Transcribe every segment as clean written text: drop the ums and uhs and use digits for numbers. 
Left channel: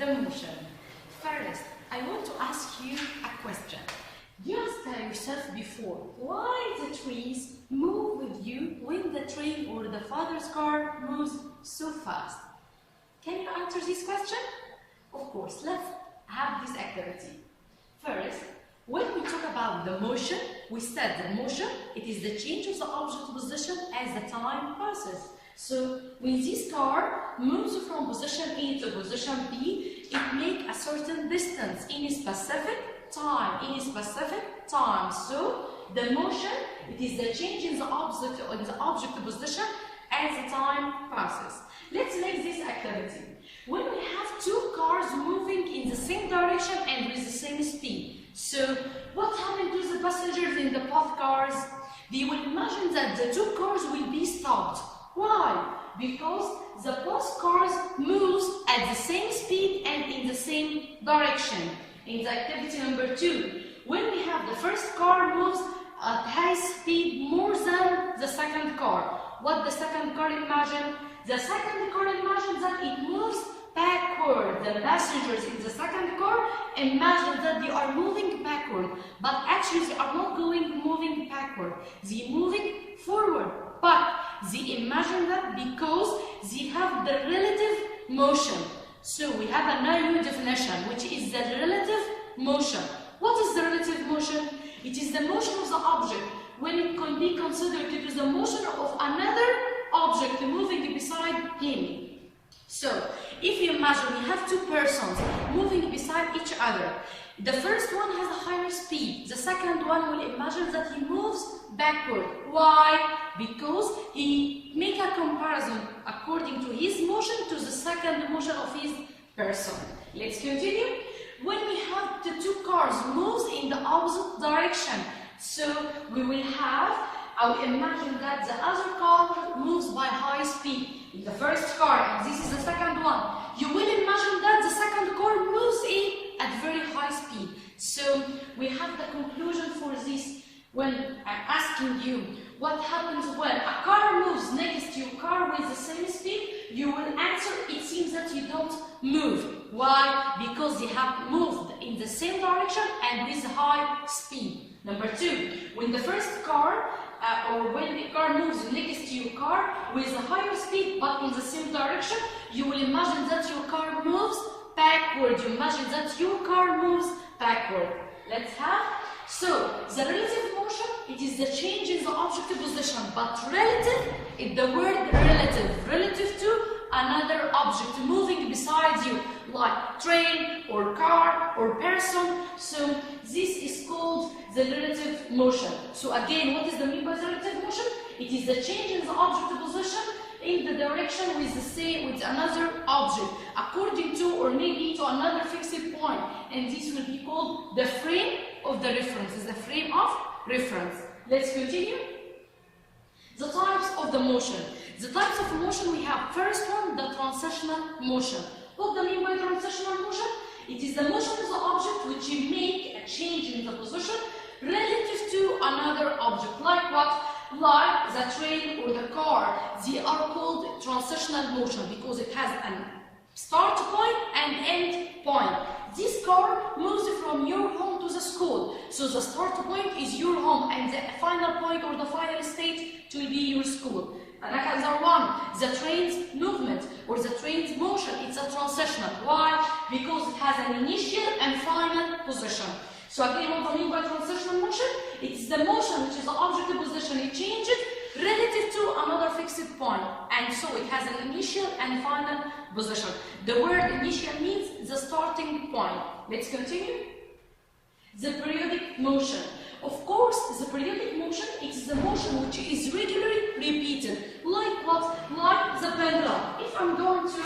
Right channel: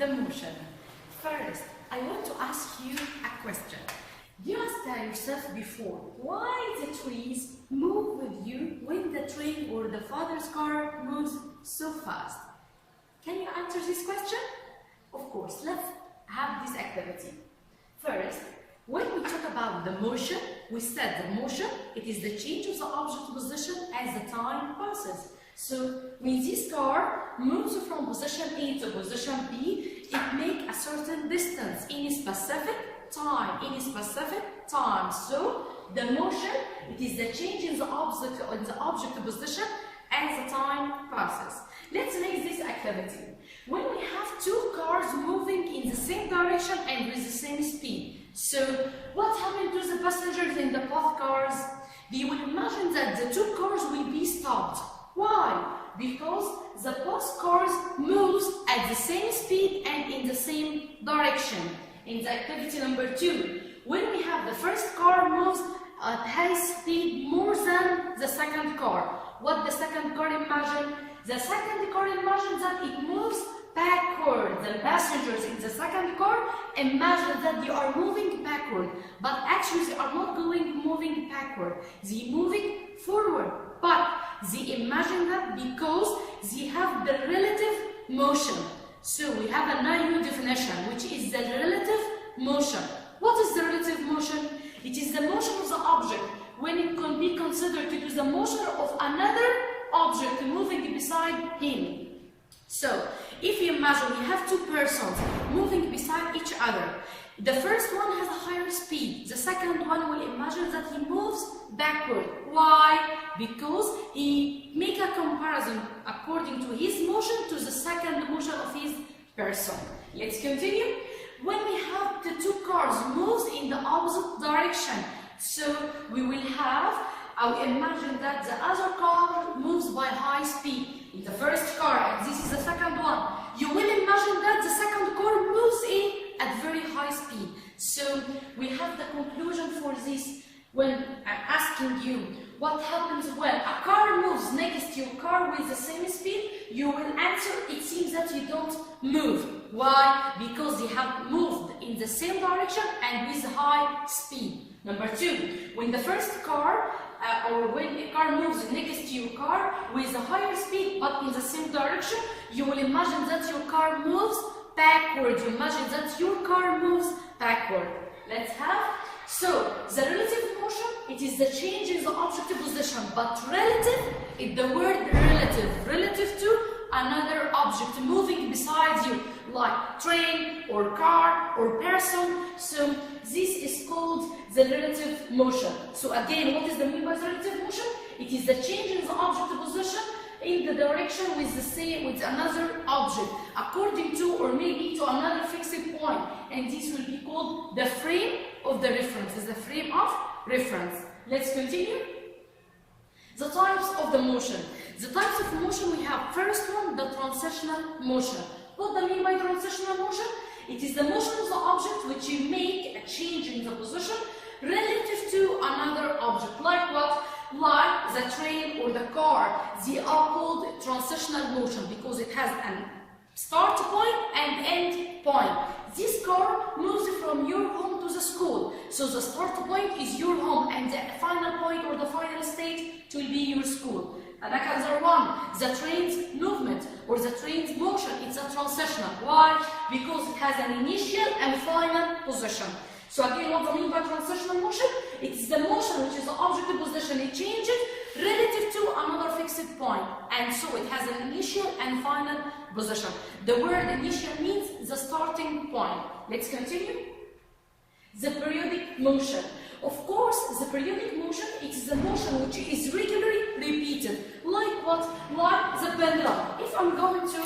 the motion. First, I want to ask you a question. You asked yourself before, why the trees move with you when the train or the father's car moves so fast? Can you answer this question? Of course, let's have this activity. First, when we talk about the motion, we said the motion, it is the change of the object position as the time passes. So, when this car moves from position A to position B, it makes a certain distance in a specific time. So, the motion, it is the change in the object position as the time passes. Let's make this activity. When we have two cars moving in the same direction and with the same speed, so what happened to the passengers in the both cars? They will imagine that the two cars will be stopped. Why? Because the both cars moves at the same speed and in the same direction. In the activity number 2, when we have the first car moves at high speed more than the second car, what the second car imagine? The second car imagines that it moves backward. The passengers in the second car imagine that they are moving backward, but actually they are not moving backward. They are moving forward, but they imagine that because they have the relative motion. So we have a new definition, which is the relative motion. What is the relative motion? It is the motion of the object when it can be considered to be the motion of another object moving beside him. So, if you imagine we have two persons moving beside each other, the first one has a higher speed, the second one will imagine that he moves backward. Why? Because he make a comparison according to his motion to the second motion of his person. Let's continue. When we have the two cars moves in the opposite direction, so we will have, I will imagine that the other car moves by high speed. In the first car, and this is the second one, you will imagine that the second car moves in at very high speed. So we have the conclusion for this when I'm asking you what happens when a car moves next to your car with the same speed. You will answer, it seems that you don't move. Why? Because they have moved in the same direction and with high speed. Number 2, when the first car or when the car moves next to your car with a higher speed but in the same direction, you will imagine that your car moves backward. You imagine that your car moves backward. Let's have. So, the relative motion, it is the change in the object position, but relative is the word relative. Relative to another object moving beside you, like train or car or person. So, this is called the relative motion. So again, what is the mean by the relative motion? It is the change in the object position in the direction with another object, according to or maybe to another fixed point. And this will be called the frame of the reference. Is the frame of reference. Let's continue. The types of the motion. The types of motion we have. First one, the transitional motion. What do I mean by transitional motion? It is the motion of the object which you make a change in the position relative to another object. Like what? Like the train or the car. They are called transitional motion because it has a start point and end point. This car moves from your home to the school. So the start point is your home and the final point or the final state will be your school. Another one, the train's movement or the train's motion, it's a transitional. Why? Because it has an initial and final position. So again, what do I mean by transitional motion? It's the motion which is the object position. It changes relative to another fixed point. And so it has an initial and final position. The word initial means the starting point. Let's continue. The periodic motion. Of course, the periodic motion, it is the motion which is regularly repeated. Like what? Like the pendulum. If I'm going to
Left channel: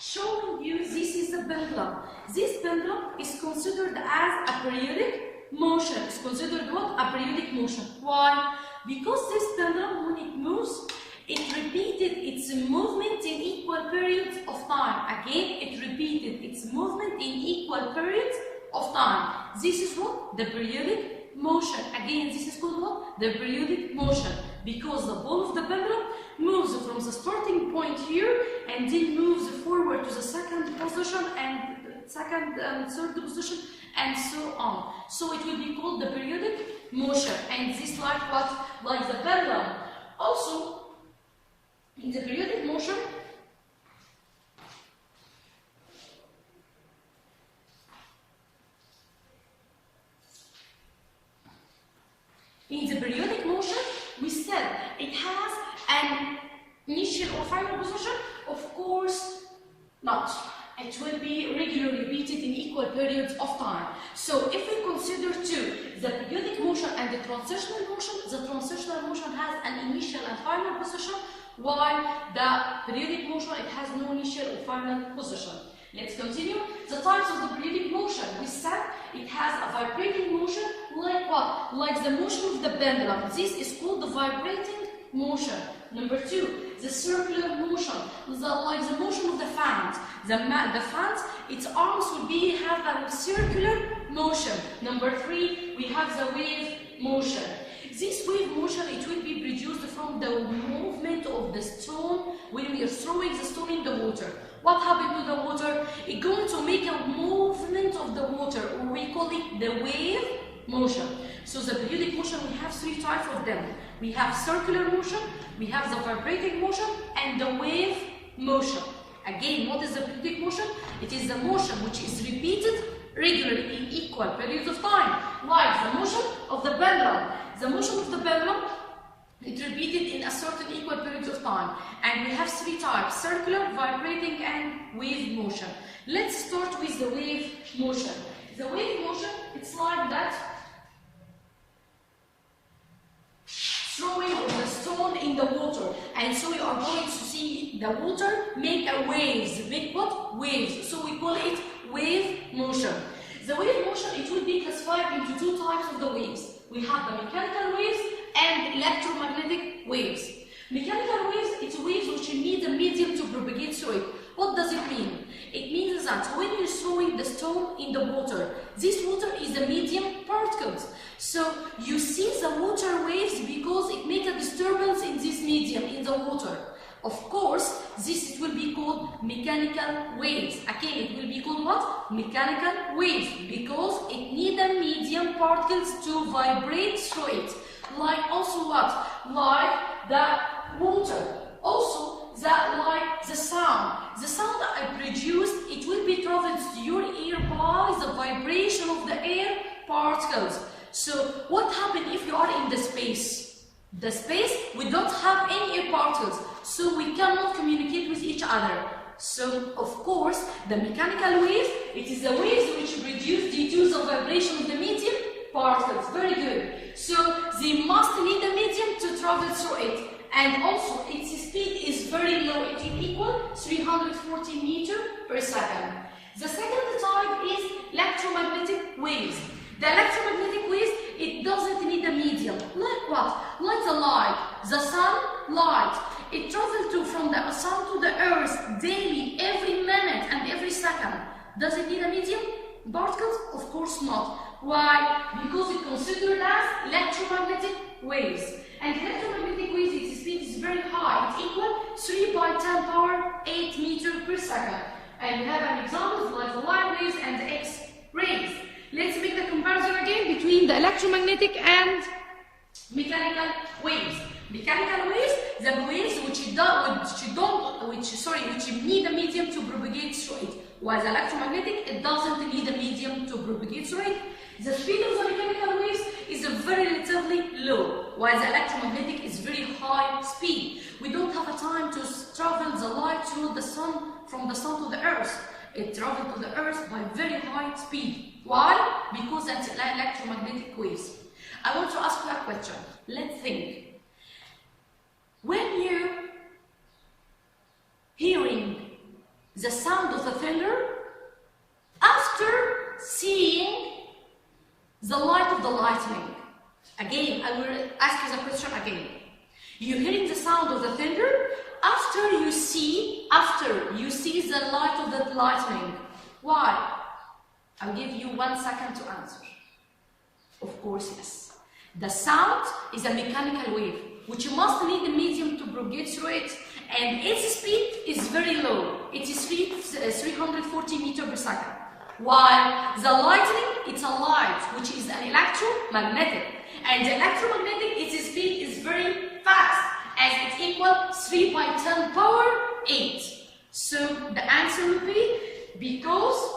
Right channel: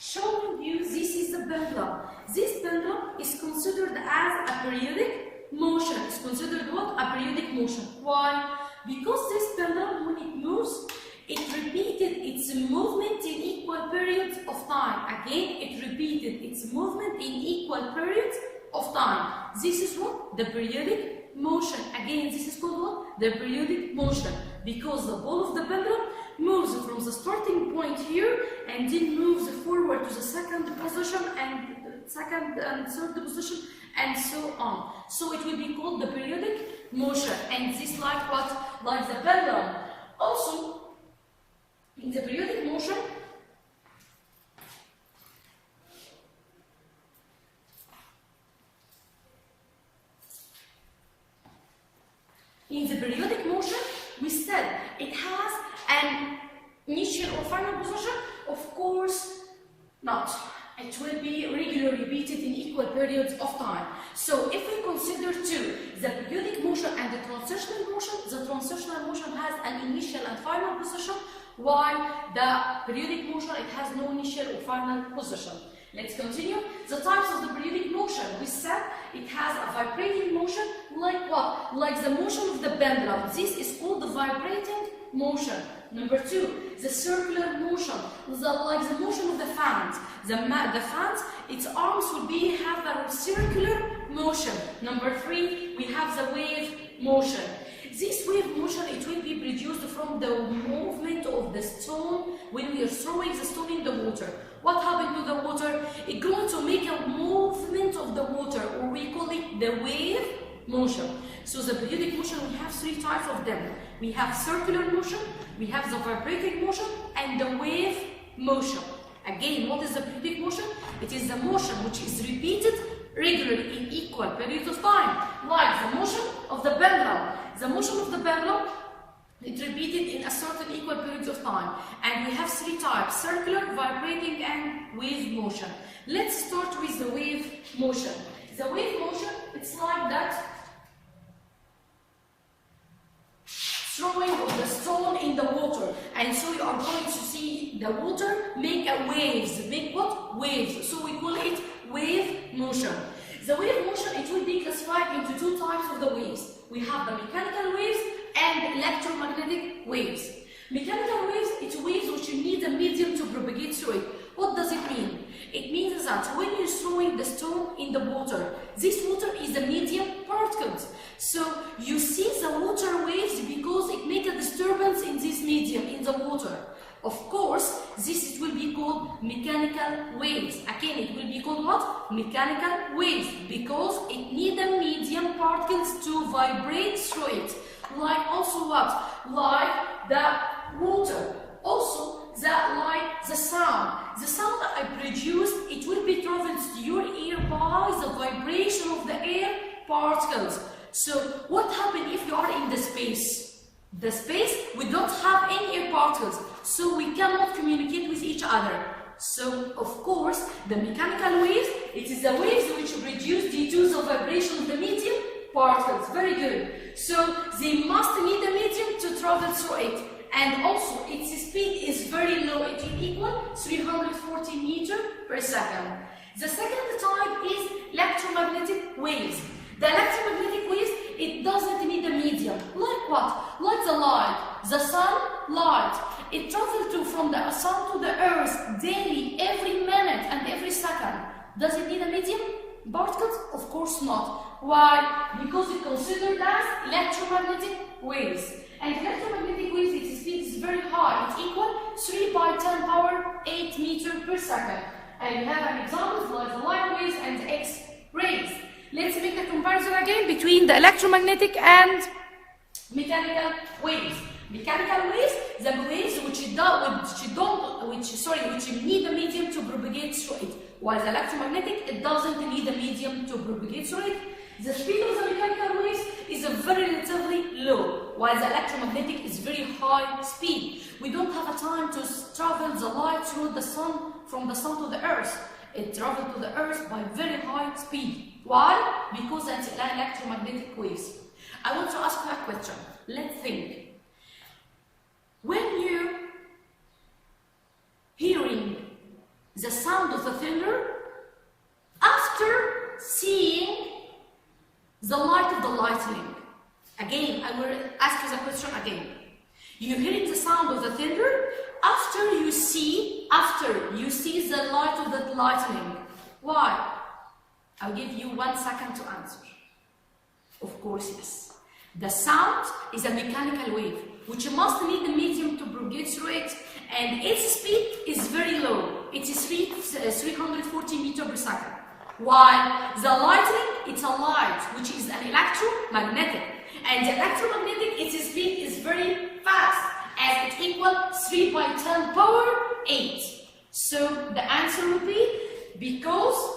show you, this is the pendulum. This pendulum is considered as a periodic motion. It's considered what? A periodic motion. Why? Because this pendulum, when it moves, it repeated its movement in equal periods of time. Again, it repeated its movement in equal periods of time. This is what? The periodic motion. Again, this is called what? The periodic motion. Because the ball of the pendulum moves from the starting point here and then moves forward to the second position and second and third position and so on. So it will be called the periodic motion, and this like what? Like the pendulum. Also, in the periodic motion, we said it has an initial or final position? Of course not. It will be regularly repeated in equal periods of time. So if we consider two, the periodic motion and the transitional motion, the transitional motion has an initial and final position, while the periodic motion, it has no initial or final position. Let's continue. The types of the periodic motion, we said it has a vibrating motion, like what? Like the motion of the pendulum. This is called the vibrating motion. Number two, the circular motion, like the motion of the fans. The fans, its arms will have a circular motion. Number three, we have the wave motion. This wave motion, it will be produced from the movement of the stone when we are throwing the stone in the water. What happened to the water? It's going to make a movement of the water, or we call it the wave motion. So the periodic motion, we have three types of them. We have circular motion, we have the vibrating motion, and the wave motion. Again, what is the periodic motion? It is the motion which is repeated regularly in equal periods of time, like the motion of the pendulum. The motion of the pendulum, it's repeated in a certain equal periods of time. And we have three types: circular, vibrating, and wave motion. Let's start with the wave motion. The wave motion, it's like that. Throwing of the stone in the water, and so you are going to see the water make a waves, make what? Waves. So we call it wave motion. The wave motion, it will be classified into two types of the waves. We have the mechanical waves and electromagnetic waves. Mechanical waves, it's waves which need a medium to propagate through it. What does it mean? It means that when you're throwing the stone in the water, this water is the medium particles. So you see the water waves because it makes a disturbance in this medium, in the water. Of course, this will be called mechanical waves. Again, it will be called what? Mechanical waves, because it needs the medium particles to vibrate through it. Like also what? Like the water. Also, like the sound. The sound that I produced, it will be traveled to your ear by the vibration of the air particles. So what happens if you are in the space? The space, we don't have any air particles, so we cannot communicate with each other. So, of course, the mechanical waves, it is the waves which produce due to the vibration of the medium particles. Very good. So, they must need a medium to travel through it. And also, its speed is very low. It will equal 340 meters per second. The second type is electromagnetic waves. The electromagnetic waves, it doesn't need a medium. Like what? Like the light, the sun, light. It travels from the sun to the earth daily, every minute and every second. Does it need a medium? Particles? Of course not. Why? Because it's considered as electromagnetic waves. And electromagnetic waves, its speed is very high. It's equal 3 by 10 power 8 meters per second. And we have an example like the light waves and the X-rays. Let's make the comparison again between the electromagnetic and mechanical waves. Mechanical waves, the waves which need a medium to propagate through it. While the electromagnetic, it doesn't need a medium to propagate through it. The speed of the mechanical waves is very relatively low, while the electromagnetic is very high speed. We don't have a time to travel the light through the sun, from the sun to the earth. It travels to the earth by very high speed. Why? Because that's electromagnetic waves. I want to ask you a question. Let's think. When you're hearing the sound of the thunder, after seeing the light of the lightning, again, I will ask you the question again. You're hearing the sound of the thunder after you see the light of the lightning. Why? I'll give you 1 second to answer. Of course, yes. The sound is a mechanical wave. which must need the medium to propagate through it, and its speed is very low. It is 340 meters per second. While the lightning, it's a light, which is an electromagnetic, and the electromagnetic, its speed is very fast, and it equals 3 by 10 power 8. So the answer would be because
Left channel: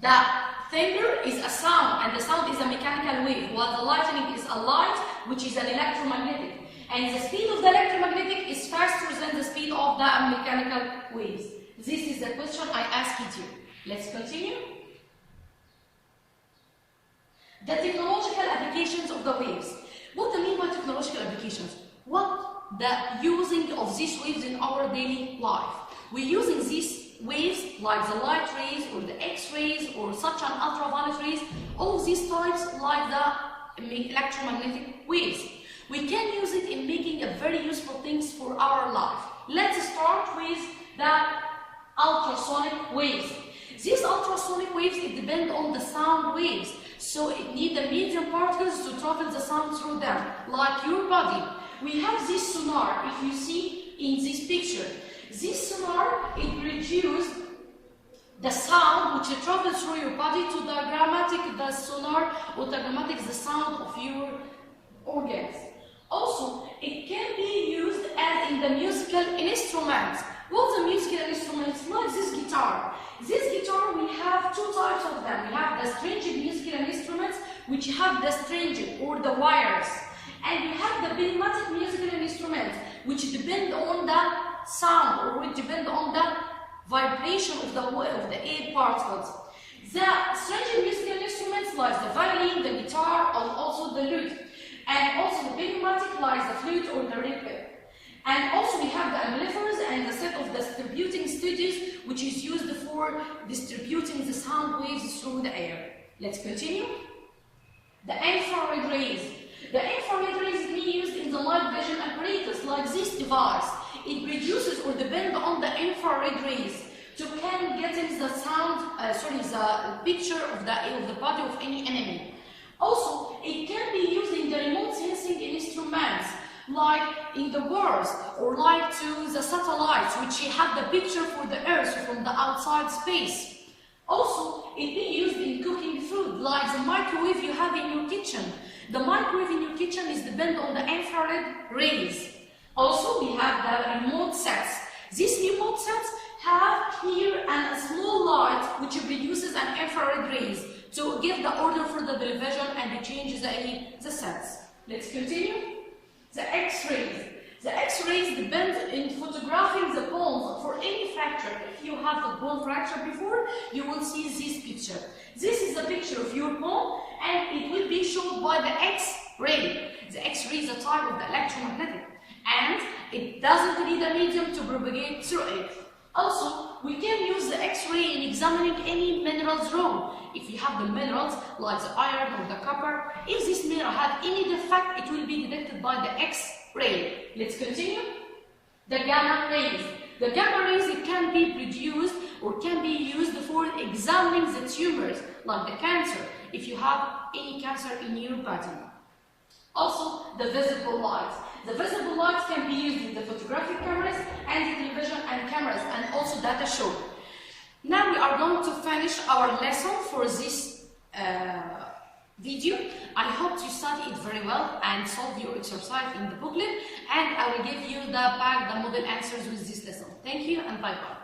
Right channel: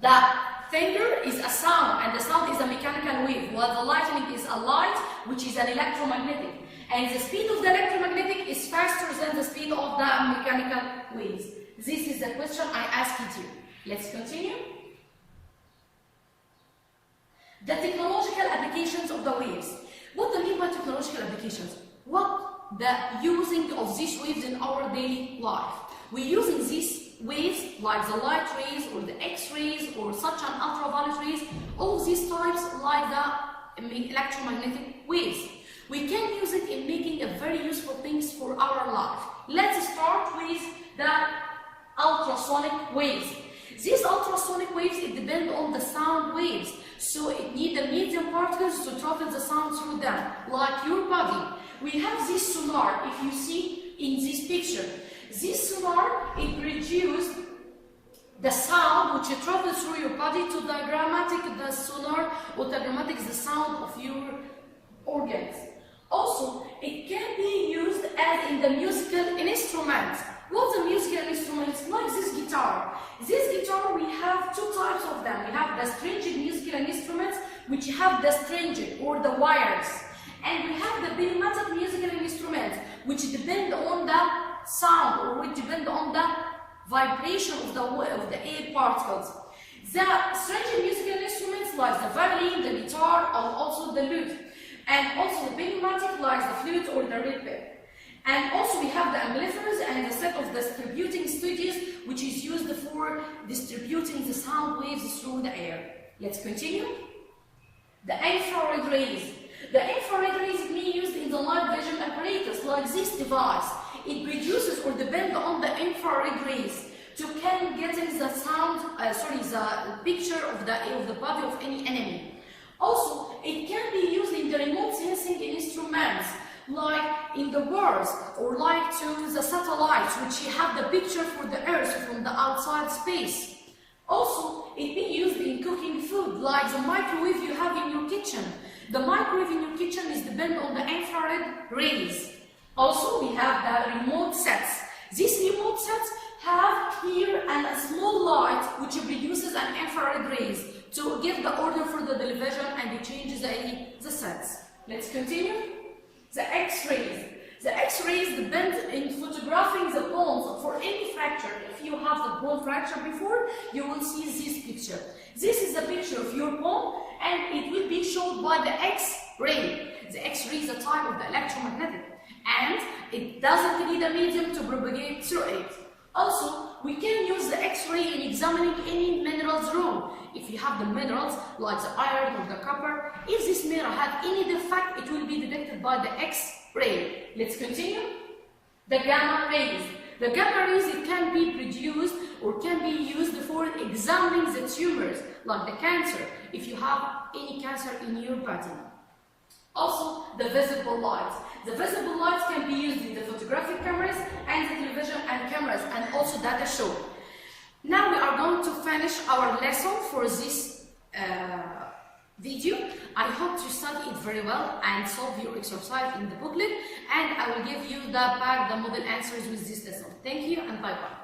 the thunder is a sound, and the sound is a mechanical wave, while the lightning is a light, which is an electromagnetic. And the speed of the electromagnetic is faster than the speed of the mechanical waves. This is the question I asked you. Let's continue. The technological applications of the waves. What do I mean by technological applications? What the using of these waves in our daily life? We're using these waves like the light rays or the X-rays or such an ultraviolet rays, all of these types like the electromagnetic waves. We can use it in making a very useful things for our life. Let's start with the ultrasonic waves. These ultrasonic waves, it depend on the sound waves, so it need the medium particles to travel the sound through them, like your body. We have this sonar, if you see in this picture. This sonar, it produces the sound which travels through your body to the grammatic, the sonar, or the grammatic, the sound of your organs. Also, it can be used as in the musical instruments. What's the musical instruments? Like this guitar. This guitar, we have two types of them. We have the stringed musical instruments, which have the stringed or the wires. And we have the pneumatic musical instruments, which depend on the sound or which depend on the vibration of the air particles. The stringed musical instruments like the violin, the guitar, and also the lute. And also the pneumatic like the flute or the reed. And also we have the amplifiers and the set of distributing stages, which is used for distributing the sound waves through the air. Let's continue. The infrared rays. The infrared rays can be used in the night vision apparatus like this device. It produces or depends on the infrared rays to can getting the sound, the picture of the body of any enemy. Also, it can be used in the remote sensing instruments, like in the wars or like to the satellites, which have the picture for the Earth from the outside space. Also, it be used in cooking food, like the microwave you have in your kitchen. The microwave in your kitchen is depend on the infrared rays. Also, we have the remote sets. These remote sets have here a small light which produces an infrared rays to give the order for the television and to change the sets. Let's continue. The X-rays. The X-rays depend in photographing the bones for any fracture. If you have the bone fracture before, you will see this picture. This is a picture of your bone, and it will be shown by the X-ray. The X-ray is a type of the electromagnetic, and it doesn't need a medium to propagate through it. Also, we can use the X-ray in examining any minerals raw. If you have the minerals like the iron or the copper, if this mineral have any defect, it will be detected by the X-ray. Let's continue. The gamma rays. The gamma rays, it can be produced or can be used for examining the tumors like the cancer, if you have any cancer in your body. Also, the visible lights. The visible lights can be used in the photographic cameras and the television and cameras, and also data show. Now we are going to finish our lesson for this video. I hope you study it very well and solve your exercise in the booklet, and I will give you the model answers with this lesson. Thank you and bye-bye.